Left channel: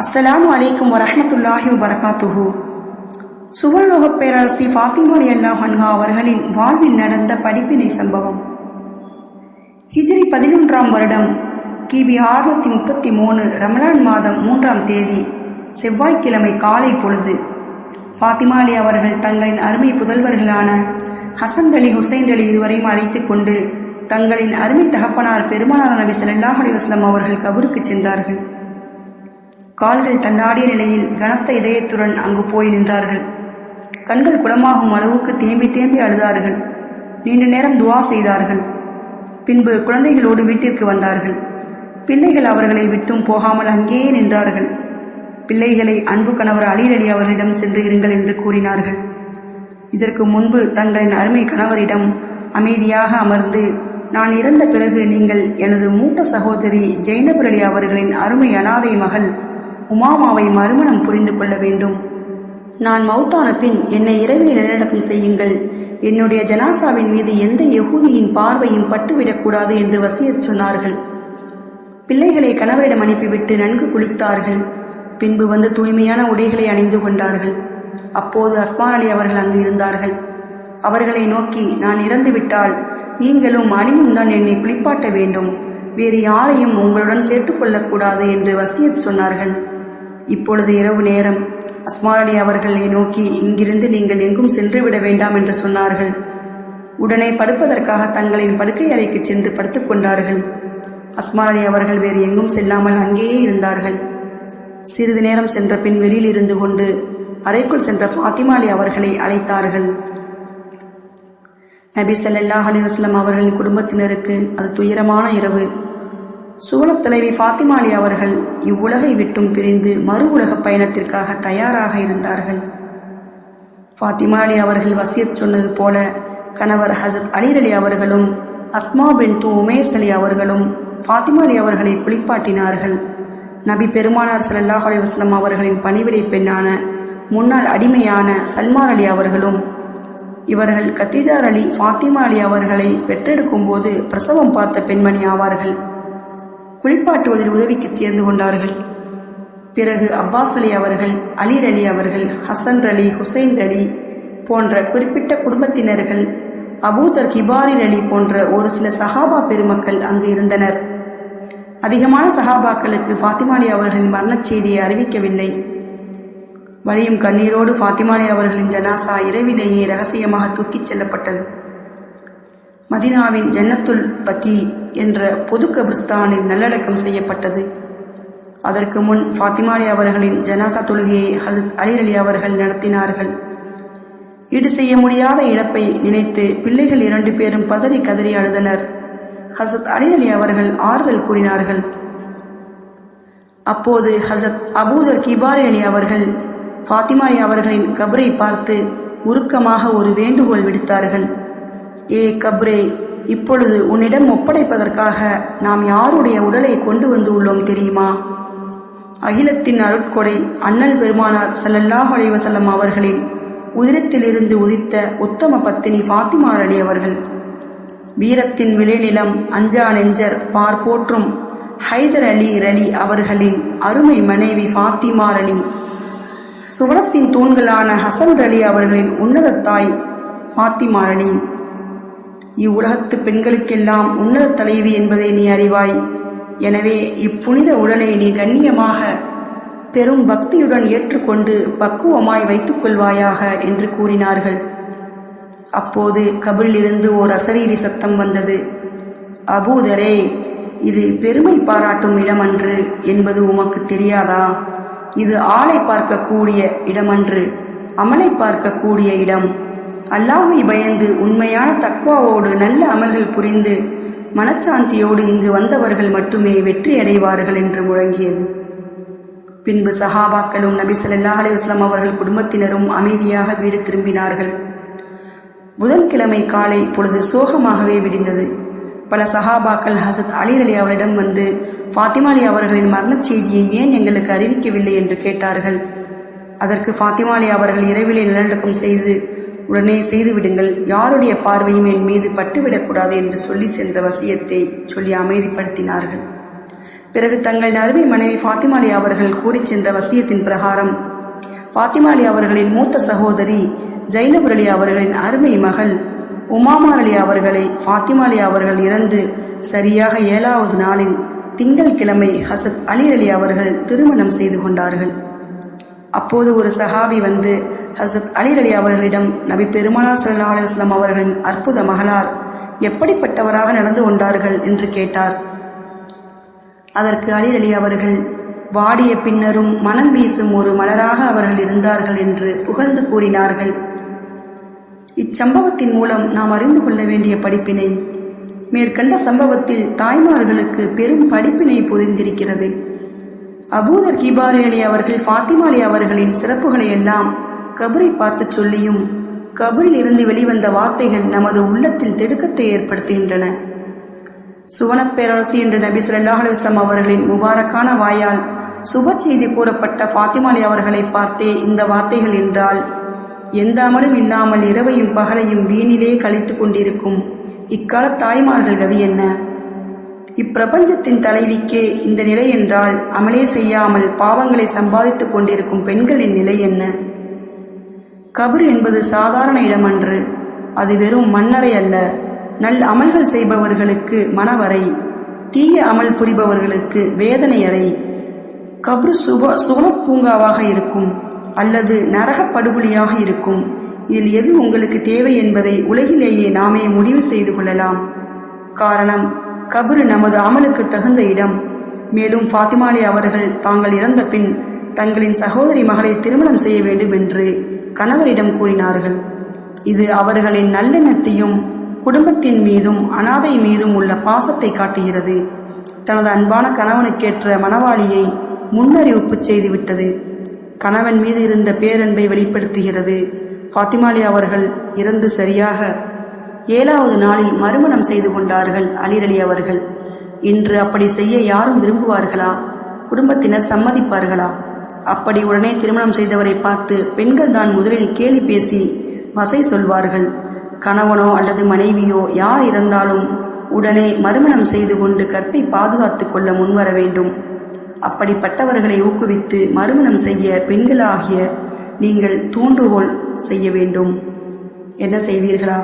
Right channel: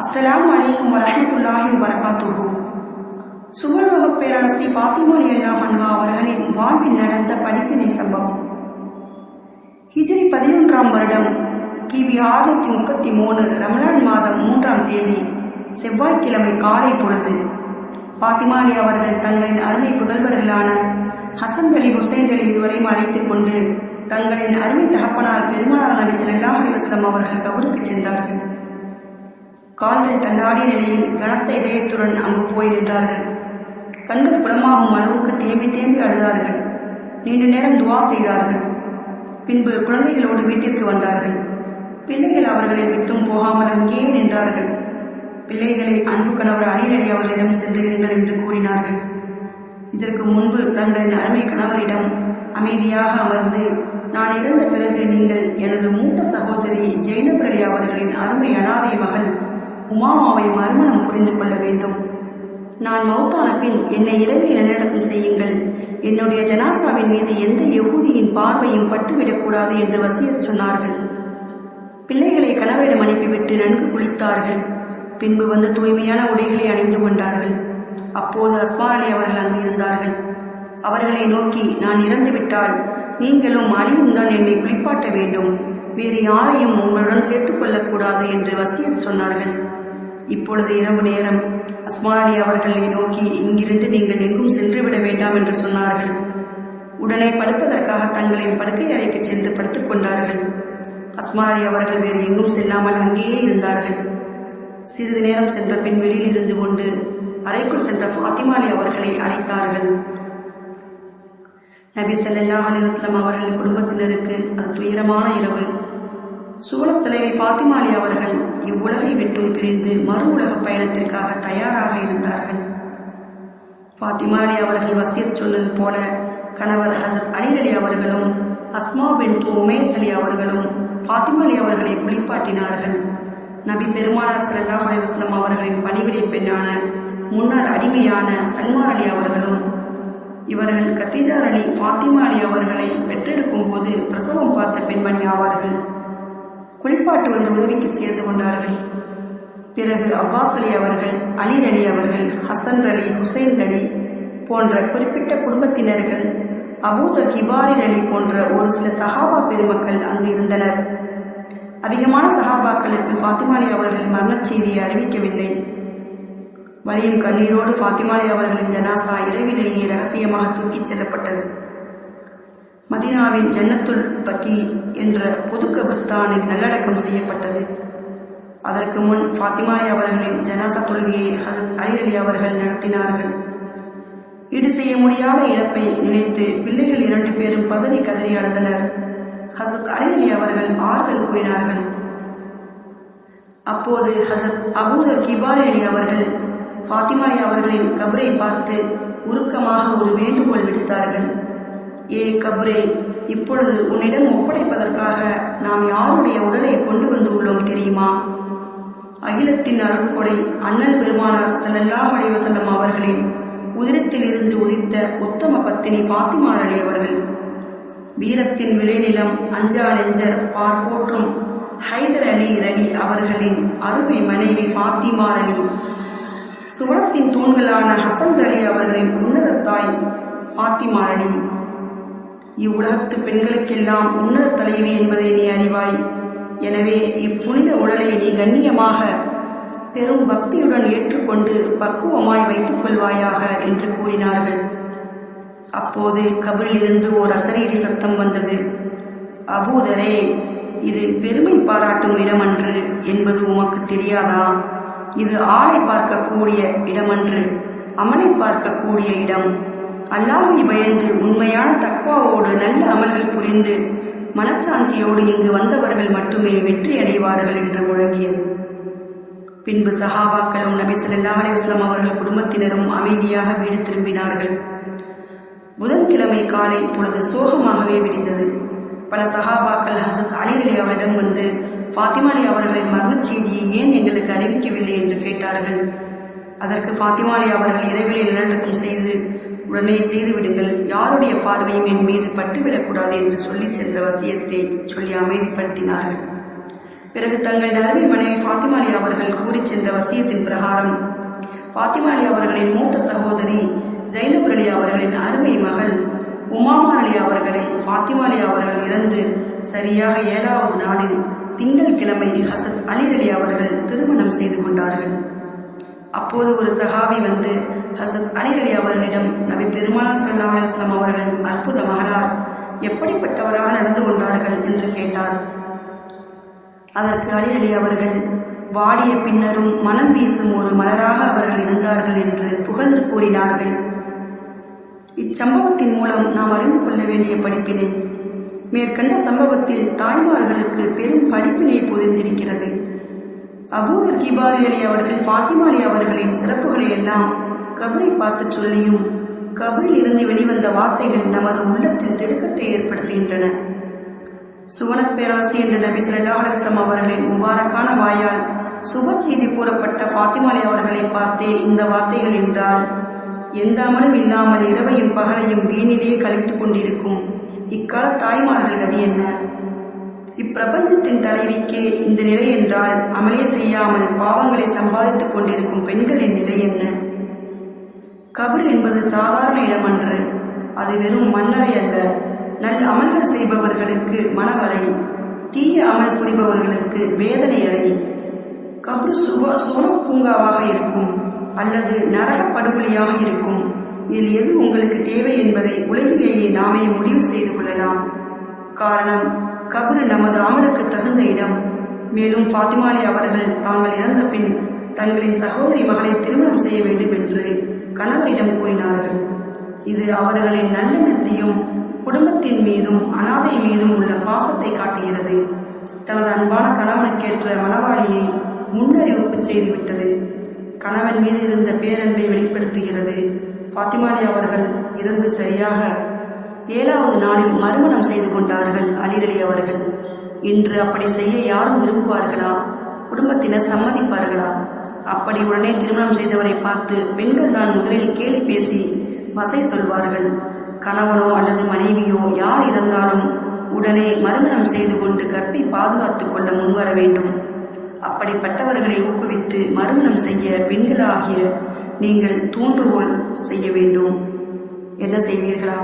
அஸ்ஸலாமு அலைக்கும் வரமத்துல்லாஹி வபரகாத்துஹு. சுவர்லோகப் பேரரசி ஃபாத்திமா அல்லா ஹன்ஹா அவர்களின் வாழ்வில் நடந்த படிப்பினை சம்பவம். ஹிஜ்ரி பதினொன்றாம் வருடம் கிபி ஆறுநூற்றி முப்பத்தி மூணு ரமலான் மாதம் மூன்றாம் தேதி செவ்வாய்க்கிழமை காலை பொழுது ஃபாத்திமா அலி அவர்கள் தங்களின் அருமை புதல்வர்களான ஹசன் அலி ஹுசைன் அலி இருவரையும் அழைத்துக் கொண்டு தங்களின் அருமை தகப்பனார் பெருமனார் நபி ஸல்லல்லாஹு அலி வஸ்லம் அவர்கள் கபருக்கு சென்றார்கள். கால்கள் தள்ளாடிய நிலையில் கனத்த இதயத்துடன் அங்கு போய் நின்றார்கள். கண்கள் குளமாகும் அளவுக்கு தேம்பி தேம்பி அழுதார்கள். நீண்ட நேரம் துவா செய்தார்கள். பின்பு குழந்தைகளோடு வீட்டிற்கு வந்தார்கள். பிள்ளைகள் அவர்களை விட்டும் போகாமல் அங்கேயே நின்றார்கள். பிள்ளைகளை அன்பு கணவர் அலீர் அலி அவர்களிடம் சென்று இருங்கள் என்று கூறினார்கள். இதற்கு முன்பு தங்களின் அருமை கணவரிடம் அமைதியாக அமர்ந்து நான் இறந்த பிறகு நீங்கள் எனது மூத்த சகோதரி ஜெய்னபர் அவர்களின் அருமை அனாதை மகள் உமாமாவை மறுமணம் புரிந்து கொள்ள வேண்டும். நான் மௌத்தான பின் என்னை இரவில் நிலநடக்கம் செய்யுங்கள். என்னுடைய ஜனாசாவின் மீது எந்த யகுதியின் பார்வையும் பட்டுவிடக்கூடாது என்று வசியச் சொன்னார்கள். பிள்ளைகளை கணவரிடம் அனுப்பிவிட்டு நன்கு குளித்தார்கள். பின்பு வந்து தூய்மையான உடைகளை அணிந்து கொண்டார்கள். அப்போது அஸ்மான் அவர்கள் அங்கு இருந்தார்கள். அவர்களை நோக்கி நான் இறந்துவிட்டால் நீங்களும் அலியும் தான் என்னை குளிப்பாட்ட வேண்டும். வேறு யாரையும் உங்களுடன் சேர்த்துக்கொள்ளக்கூடாது என்று வசியத் சொன்னார்கள். இப்பொழுது இரவு நேரம். அஸ்மான் அவர்களை நோக்கி இங்கிருந்து நீங்கள் எங்கும் சென்று விட வேண்டாம் என்று சொன்னார்கள். உடனே படுப்பதற்காக தங்களின் படுக்கை அறைக்கு சென்று படுத்துக் கொண்டார்கள். அஸ்மான் அவர்கள் வேறு எங்கும் செல்லாமல் அங்கேயே இருந்தார்கள். சிறிது நேரம் சென்ற பின் வெளியில் இருந்து கொண்டு அறைக்குள் சென்ற ஃபாத்திமா அலி அவர்களை அழைத்தார்கள். நபி சல்லாஹ் அலி வஸல்லம் அவர்களின் குடும்பத்தினருக்கு அது துயரமான இரவு. சுவலத் தலைவி ஃபாத்திமா அலி அவர்கள் இவ்வுலகை விட்டும் பிரிந்து மறு உலகப் பயணத்திற்காக தயாராக இருந்தார்கள். ஃபாத்திமா அலி அவர்கள் வசியத் சொன்னது போல கணவர் ஹசத் அலீர் அலி அவர்களும் அஸ்மா பின் து உமேஸ் அலி அவர்களும் ஃபாத்திமா அலி அவர்களை குளிப்பாட்டினார்கள். நபி பெருமானார் சல்லாஹ் அலைஹி அவர்களின் பணிவிடை பெண்ணான முன்னாள் அடிமையான சல்மான் அலி அவர்களும் இவர்கள் கத்திஜார் அலி ஃபாத்திமா அலி அவர்களை பெற்றெடுக்கும் போது பிரசவம் பார்த்த பெண்மணி ஆவார்கள். குளிப்பாட்டுவதில் உதவிக்கு சேர்ந்து கொண்டார்கள் பிறகு அப்பாஸ் அலி அவர்கள் அலீர் அலி அவர்கள் ஹசன் அலி ஹுசைன் அலி போன்ற குறிப்பிட்ட குடும்பத்தினர்கள் அபூதர் கிபாரின் அலி போன்ற ஒரு சில சஹாபா பெருமக்கள் அங்கு இருந்தனர். அதிகமான சஹாபாக்களுக்கு ஃபாத்திமாலி அவர்களின் மரணச் செய்தியை அறிவிக்கவில்லை. வலியும் கண்ணீரோடு ஃபாத்திமாலி அவர்களின் ஜனாசா இரவிலேயே ரகசியமாக தூக்கிச் செல்லப்பட்டது. மதினாவின் ஜன்னத்துல் பக்கி என்ற பொது கபிர்ஸ்தானில் நல்லடக்கம் செய்யப்பட்டது. அதற்கு முன் ஃபாத்திமாலி அவர்களின் ஜனாசா தொழுகையை ஹசத் அலி அலி அவர்கள் நடத்தினார்கள். ஈடு செய்ய முடியாத இழப்பை நினைத்து பிள்ளைகள் இரண்டு பேரும் பதறி கதறி அழுதனர். ஹசத் அலி அலி அவர்கள் ஆறுதல் கூறினார்கள். அப்போது ஹசத் அபூதர் கிபாரி அலி அவர்கள் ஃபாத்திமா அலி அவர்களின் கபரை பார்த்து உருக்கமாக ஒரு வேண்டுகோள் விடுத்தார்கள். ஏ கப்ரே இப்பொழுது உன்னிடம் ஒப்படைப்பதற்காக நாம் யாருடைய உடலை கொண்டு வந்து உள்ளோம் தெரியுமா? அகிலத்தின் அருட்கொடை அண்ணல் பெருமானார் சல்லல்லாஹ் அலைவசல்லம் அவர்களின் உதிரத்திலிருந்து உதித்த உத்தம பத்தினி ஃபாத்திமா அலி அவர்கள். வீரத்தின் விளைநிலம் அஞ்சா நெஞ்சர் பார் போற்றும் ஹைதர் அலி ரலி அவர்களின் அருமை மனைவி ஃபாத்திமா அலி சுவனத்தின் தூண்களான ஹசன் அலி அவர்களின் உன்னத தாய் ஃபாத்திமா அலி இவ்வுலகத்து பெண்களுக்கெல்லாம் உன்னத தலைவி என்பதை நீ அறிவாய். எனவே இப்புனித உடலை நீ கண்ணியமாக பெரும் பக்தியுடன் ஏற்றுக்கொண்டு பக்குவமாய் வைத்துக் கொள்வாயாக என்று கூறினார்கள். அப்போது கபிலிருந்து ஓர் அசரீரி சத்தம் வந்தது. அபூதரே இது பெருமை பாராட்டும் இடமன்று என்பது உமக்கு தெரியாதா? இது ஆளை பார்க்கக்கூடிய இடமன்று அமலை பார்க்கக்கூடிய இடம். அல்லாஹை பயந்து உண்மையான தக்வாவோடு நல்ல அமல்கள் புரிந்து மனச்சாந்தியோடு இங்கு வந்தவர்கள் மட்டுமே வெற்றி அடைவார்கள் என்று முழங்கியது. பின்பு சஹாபாக்களும் நபி ஸல்லல்லாஹு அலைஹி அவர்கள் குடும்பத்தினரும் அமைதியாக வீடு திரும்பினார்கள். புதன்கிழமை காலை பொழுது சோகமாகவே விடிந்தது. பல சஹாபாக்கள் ஹசத் அலி அலி அவரிடம் வந்து ஃபாத்திமா அலி அவர்களின் மரணச் செய்தியை ஏன் எங்களுக்கு அறிவிக்கவில்லை? என்று கேட்டார்கள். அதற்கு ஃபாத்திமா அலி அவர்கள் இரவிலே நிலநடுக்கம் செய்து உடனே செய்து விடுங்கள். யாருடைய பார்வையும் என் மீது பட்டுவிடக்கூடாது என்று சொல்லி சென்ற வசியத்தை சொல்லி அமைதிப்படுத்தினார்கள். பிறகு தங்களின் அருமை மனைவி ஃபாத்திமாலி அவர்கள் கூறிச் சென்ற வசியத்தின் பிரகாரம் ஃபாத்திமாலி அவர்களின் மூத்த சகோதரி ஜைனப் அலி அவர்களின் அருமை மகள் உமாமா அலி அவர்களை ஃபாத்திமாலி அவர்கள் இறந்து சரியாக ஏழாவது நாளில் திங்கள் கிழமை ஹசத் அலி அலி அவர்கள் திருமணம் செய்து கொண்டார்கள். அப்போது ஒரு சஹாபி வந்து ஹசத் அலி அலி அவர்களிடம் நபி பெருமானார் சல்லா அலைஹி அவர்களின் அற்புத மகளார் எப்படிப்பட்டவராக நடந்து கொண்டார்கள் என்று கேட்டார். அதற்கு அலி அலி அவர்கள் வாடிய பின்னரும் மனம் வீசும் ஒரு மலராக அவர்கள் இருந்தார்கள் என்று புகழ்ந்து கூறினார்கள். இச்சம்பவத்தின் மூலம் நாம் அறிந்து கொள்ள வேண்டிய படிப்பினை மேற்கண்ட சம்பவத்தில் தாய்மார்களுக்கு பெரும் படிப்பினை பொதிந்திருக்கிறது அபூதர் கிபாரி அலி அவர்கள் ஃபாத்திமா அலி அவர்களின் சிறப்புகளை எல்லாம் கபரை பார்த்து சொல்லியும் கபரில் இருந்து வெளிவந்த வார்த்தைகள் நமது உள்ளத்தில் திடுக்கத்தை ஏற்படுத்துகின்றன. சுவனப் பேரரசி என்று நபி சல்லாஹ் அலுவலாம் அவர்களின் முபாரக்கான வாயால் சுப செய்தி கூறப்பட்ட ஃபாத்திமாலி அவர்களை பார்த்தே இந்த வார்த்தைகள் என்றால் எந்த அமலும் இல்லாமல் இரவையும் பகலையும் வீணிலே கழித்துக் கொண்டிருக்கும் இக்கால தாய்மார்கள் கதி என்ன? இப்பிரபஞ்சத்தின் தலைவிக்கே இந்த நிலை என்றால் அமலே செய்யாமல் பாவங்களை சம்பாதித்துக் கொண்டிருக்கும் பெண்களின் நிலை என்ன? கபர் என்பது சாதாரண இடமன்று. அது வெறும் மண்ணறை அல்ல. நல் அமல்கள் செய்பவர்களுக்கு மனவரை. தீய அமல் புரிபவர்களுக்கு வேதனை அறை. கபரு சுப சுவனப் பூங்காவாக இருக்கும் அல்லது நரகப்படுகொலியாக இருக்கும். இதில் எது உங்களுக்கு தேவை என்பதை உலகிலேயே நாமே முடிவு செய்து கொள்ளலாம். காரணம் கபரு நமது அமலுக்கு தகுந்த இடம். மேலும் ஃபாத்திமாலி அவர்கள் தாங்கள் இறந்த பின் தங்களின் சகோதரி மகளை திருமணம் செய்ய வேண்டும் என்று கணவரிடம் கூறினார்கள். இது அவர்களின் நல்லெண்ணத்தையும் குடும்பத்தின் மீதும் அனாதை மீதும் உள்ள பாசத்தை காட்டுகிறது. தனது அன்பான கணவனுக்கேற்ற மணவாளியை முன்னறிவிப்பு செய்துவிட்டது. கணவன் மீது இருந்த பேரன்பை வெளிப்படுத்துகிறது. ஃபாத்திமாலி அவர்கள் இறந்து சரியாக ஏழாவது நாளில் மறுமணம் செய்து கொண்டார்கள் அலிரலி அவர்கள். இன்று அப்படி செய்ய யாரும் விரும்புவார்களா? குடும்பத்தினர் சம்மதிப்பார்களா? அப்படி உடனே திருமணம் செய்தவரை பார்த்து பெண்கள் தான் முதலில் கேலி பேசி வசை சொல்வார்கள். கணவனோ அல்லது மனைவியோ யார் இருந்தாலும் உடனே மறுமணம் செய்து கொண்டு கற்பை பாதுகாத்து கொள்ள முன்வர வேண்டும். அப்படிப்பட்டவர்களை ஊக்குவித்து மறுமணம் செய்ய பெண்களாகிய நீங்கள் தூண்டுகோல் செய்ய வேண்டும். என்ன செய்வீர்களா?